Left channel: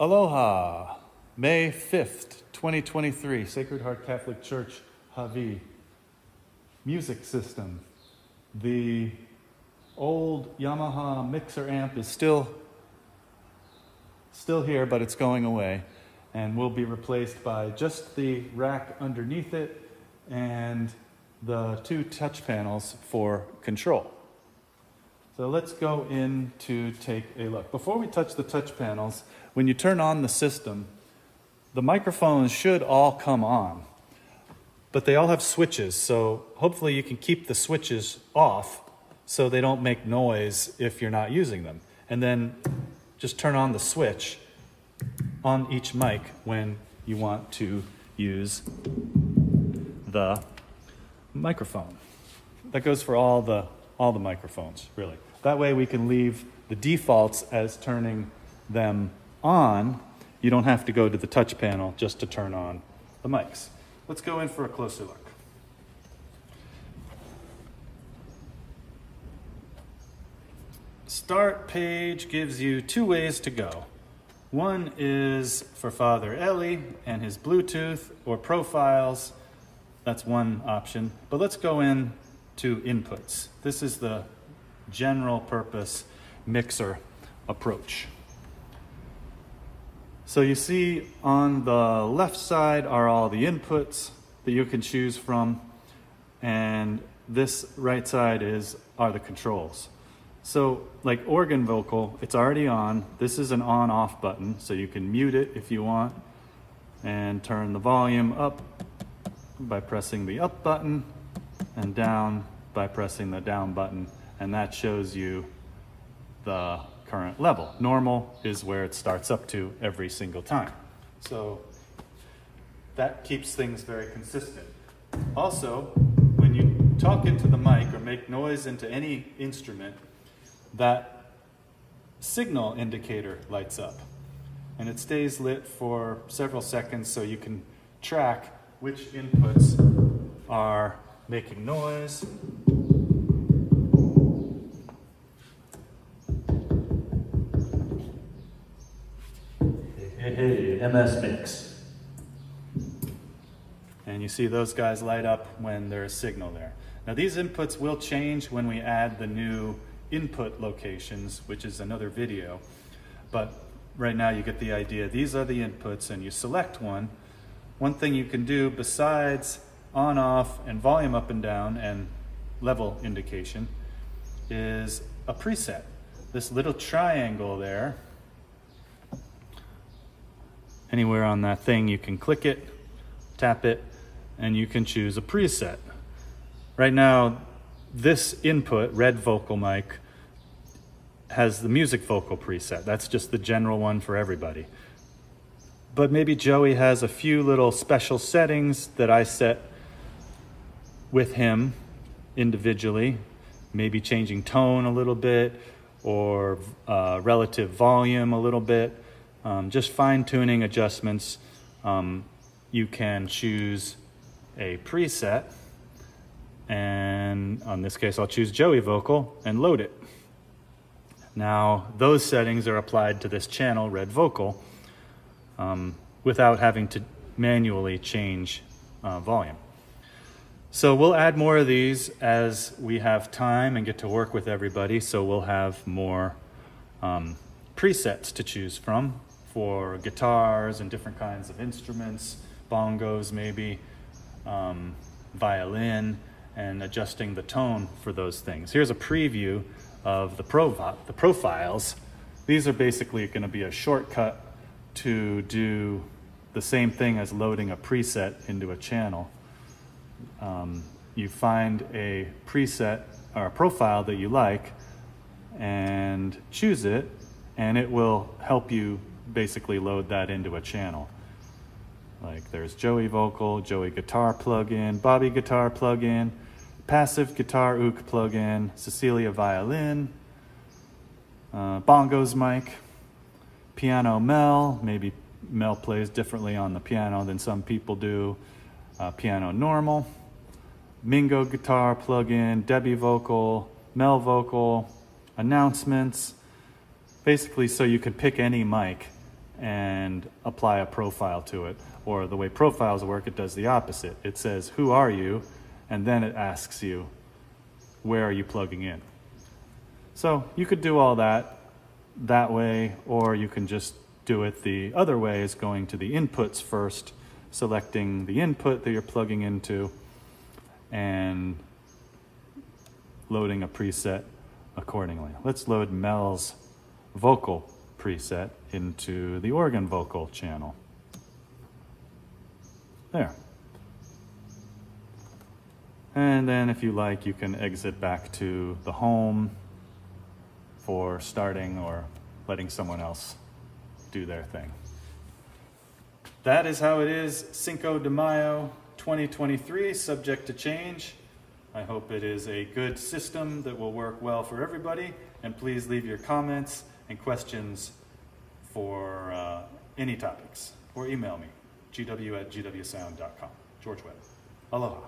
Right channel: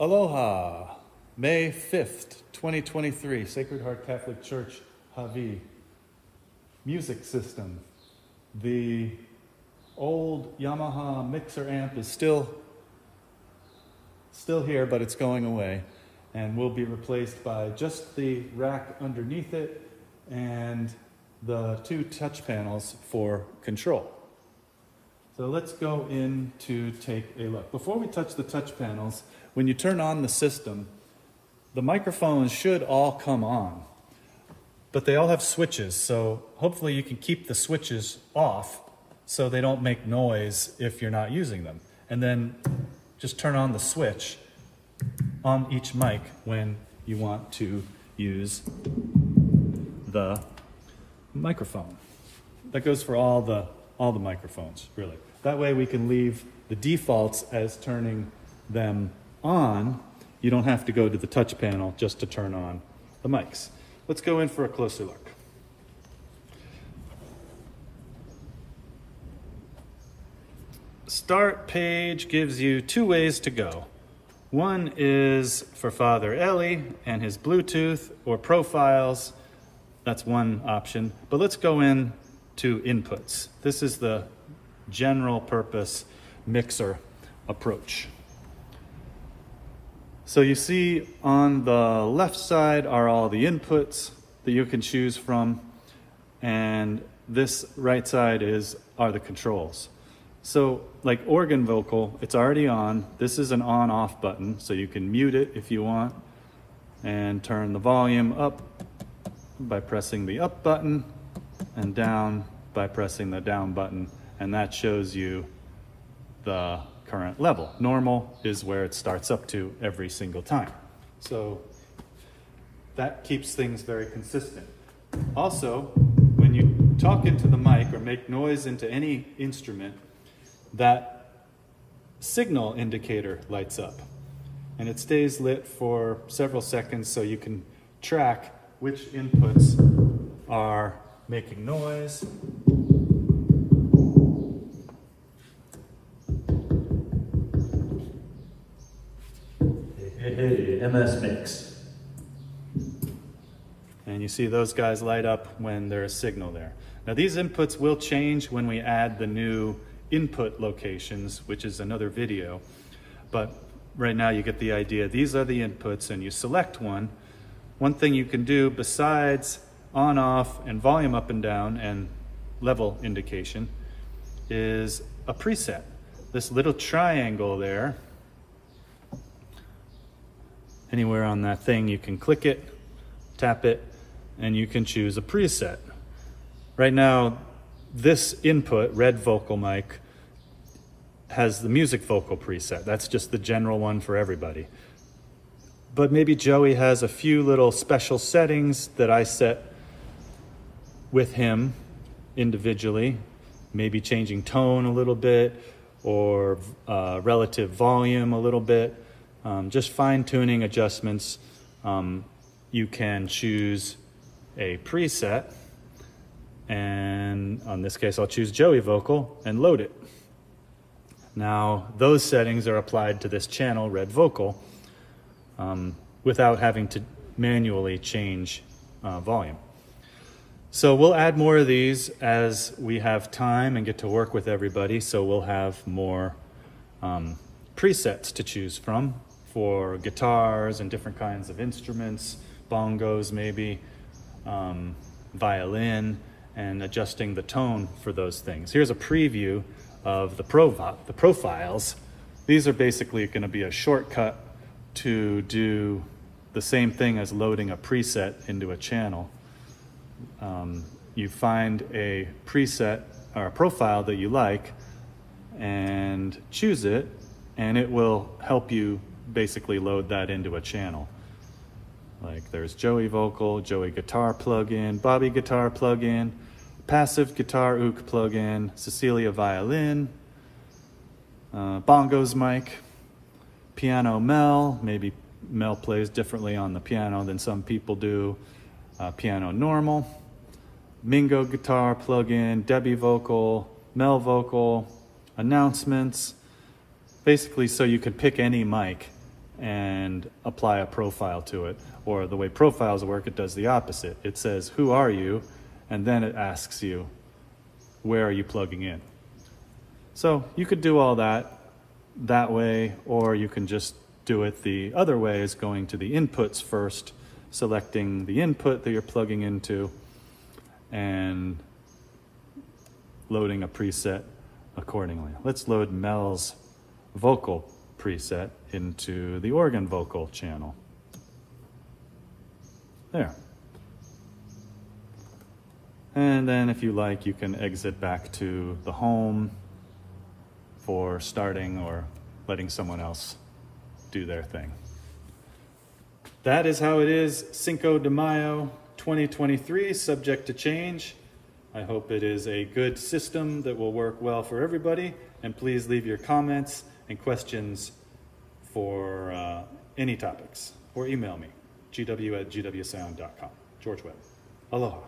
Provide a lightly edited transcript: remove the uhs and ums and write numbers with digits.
Aloha, May 5th, 2023, Sacred Heart Catholic Church, Hawi. Music system. The old Yamaha mixer amp is still here, but it's going away and will be replaced by just the rack underneath it and the two touch panels for control. So let's go in to take a look. Before we touch the touch panels, when you turn on the system, the microphones should all come on, but they all have switches. So hopefully you can keep the switches off so they don't make noise if you're not using them. And then just turn on the switch on each mic when you want to use the microphone. That goes for all the microphones, really. That way we can leave the defaults as turning them on. You don't have to go to the touch panel just to turn on the mics. Let's go in for a closer look. Start page gives you two ways to go. One is for Father Eli and his Bluetooth or profiles. That's one option. But let's go in to inputs. This is the general purpose mixer approach. So you see on the left side are all the inputs that you can choose from, and this right side are the controls. So like organ vocal, it's already on. This is an on-off button, so you can mute it if you want and turn the volume up by pressing the up button and down by pressing the down button, and that shows you the current level. Normal is where it starts up to every single time. So that keeps things very consistent. Also, when you talk into the mic or make noise into any instrument, that signal indicator lights up and it stays lit for several seconds so you can track which inputs are making noise. Hey, MS Mix. And you see those guys light up when there's signal there. Now these inputs will change when we add the new input locations, which is another video. But right now you get the idea. These are the inputs and you select one. One thing you can do besides on, off, and volume up and down and level indication is a preset. This little triangle there, anywhere on that thing you can click it, tap it, and you can choose a preset. Right now, this input, red vocal mic, has the music vocal preset. That's just the general one for everybody. But maybe Joey has a few little special settings that I set with him individually, maybe changing tone a little bit or relative volume a little bit, just fine-tuning adjustments. You can choose a preset, and on this case I'll choose Joey vocal and load it. Now those settings are applied to this channel, red vocal, without having to manually change volume. So we'll add more of these as we have time and get to work with everybody, so we'll have more presets to choose from for guitars and different kinds of instruments, bongos maybe, violin, and adjusting the tone for those things. Here's a preview of the profiles. These are basically going to be a shortcut to do the same thing as loading a preset into a channel. You find a preset or a profile that you like and choose it, and it will help you basically load that into a channel. Like there's Joey vocal, Joey guitar plugin, Bobby guitar plugin, passive guitar ook plugin, Cecilia violin, bongos mic, piano Mel, maybe Mel plays differently on the piano than some people do, piano normal, Mingo guitar plugin, Debbie vocal, Mel vocal, announcements, basically so you could pick any mic and apply a profile to it. Or the way profiles work, it does the opposite. It says, who are you? And then it asks you, where are you plugging in? So you could do all that way, or you can just do it the other way, is going to the inputs first, selecting the input that you're plugging into, and loading a preset accordingly. Let's load Mel's vocal preset into the organ vocal channel. There. And then if you like, you can exit back to the home for starting or letting someone else do their thing. That is how it is Cinco de Mayo 2023, subject to change. I hope it is a good system that will work well for everybody, and please leave your comments and questions for any topics, or email me, gw@gwsound.com. George Webb. Aloha.